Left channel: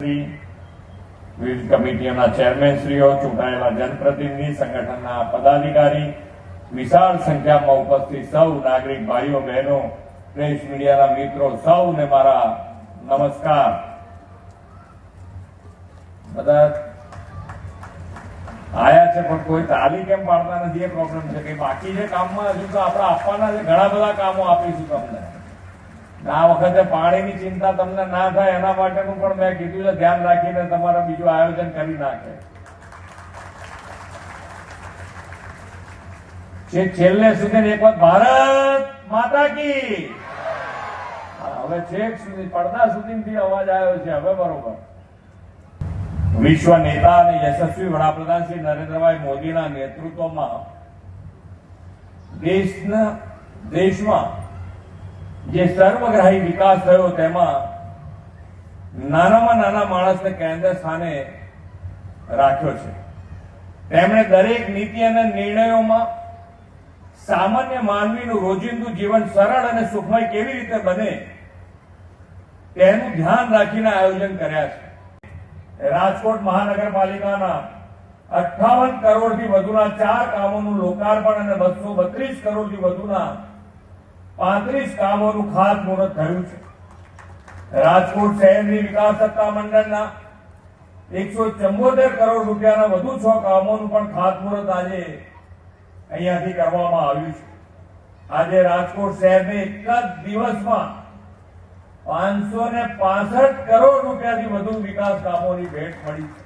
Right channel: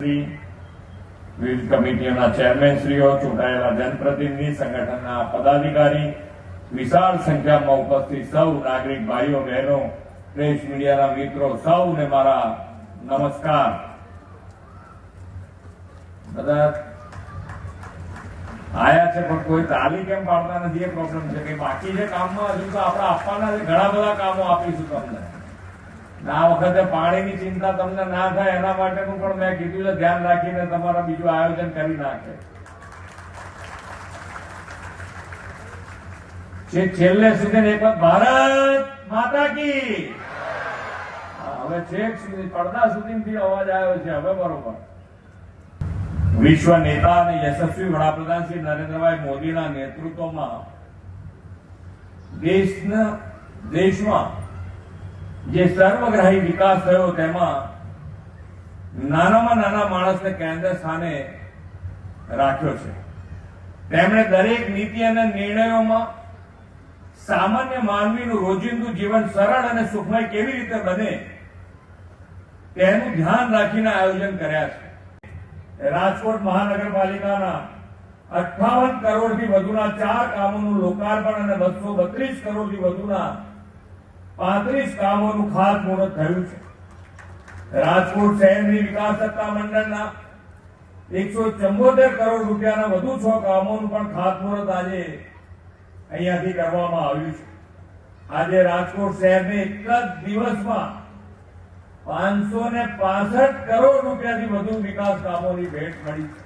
વિવિધ કમિટીઓના ચેરમેનશ્રીઓ, ચૂંટાયેલા જનપ્રતિનિધિ, સંગઠનના પદાધિકારી, વિશાળ સંખ્યામાં ઉપસ્થિત સૌ નાગરિક ભાઈઓ બહેનો, પ્રેસ મીડિયાના મિત્રો, સૌને મારા નમસ્કાર. બધા આયા છે પણ કોઈ તાલી કેમ પાડતા નથી એ પ્રોબ્લેમ છે કે બાકી જે કામમાં હજુ તો આપણે આપવાના છે, ઘણા બધા કામો આપીશું તમને. આ વખતે પાણીની ચિંતા તમને ના થાય એના માટેનું પણ મેં કીધું છે, ધ્યાન રાખીને તમારા બીજું આયોજન કરી નાખે. છેલ્લે સુધી એક વખત ભારત માતા કી. હવે છેક સુધી પડદા સુધીથી અવાજ આવ્યો છે. હવે બરોબર. વિશ્વ નેતા અને યશસ્વી વડાપ્રધાન શ્રી નરેન્દ્રભાઈ મોદીના નેતૃત્વમાં દેશમાં જે સર્વગ્રાહી વિકાસ થયો તેમાં નાનામાં નાના માણસને કેન્દ્ર સ્થાને રાખ્યો છે. તેમણે દરેક નીતિ અને નિર્ણયોમાં સામાન્ય માનવીનું રોજિંદુ જીવન સરળ અને સુખમય કેવી રીતે બને તેનું ધ્યાન રાખીને આયોજન કર્યા છે. રાજકોટ મહાનગરપાલિકાના 58 કરોડથી વધુના 4 કામોનું લોકાર્પણ અને 232 કરોડથી વધુના 35 કામોનું ખાતમુહૂર્ત થયું છે. રાજકોટ શહેરની વિકાસ સત્તા મંડળના 174 કરોડ રૂપિયાના વધુ 6 કામોનું પણ ખાતમુહૂર્ત આજે અહીંયાથી કરવામાં આવ્યું છે. આજે રાજકોટ શહેરને એક જ દિવસમાં 565 કરોડ રૂપિયાથી વધુ વિકાસ કામોની ભેટ મળી છે.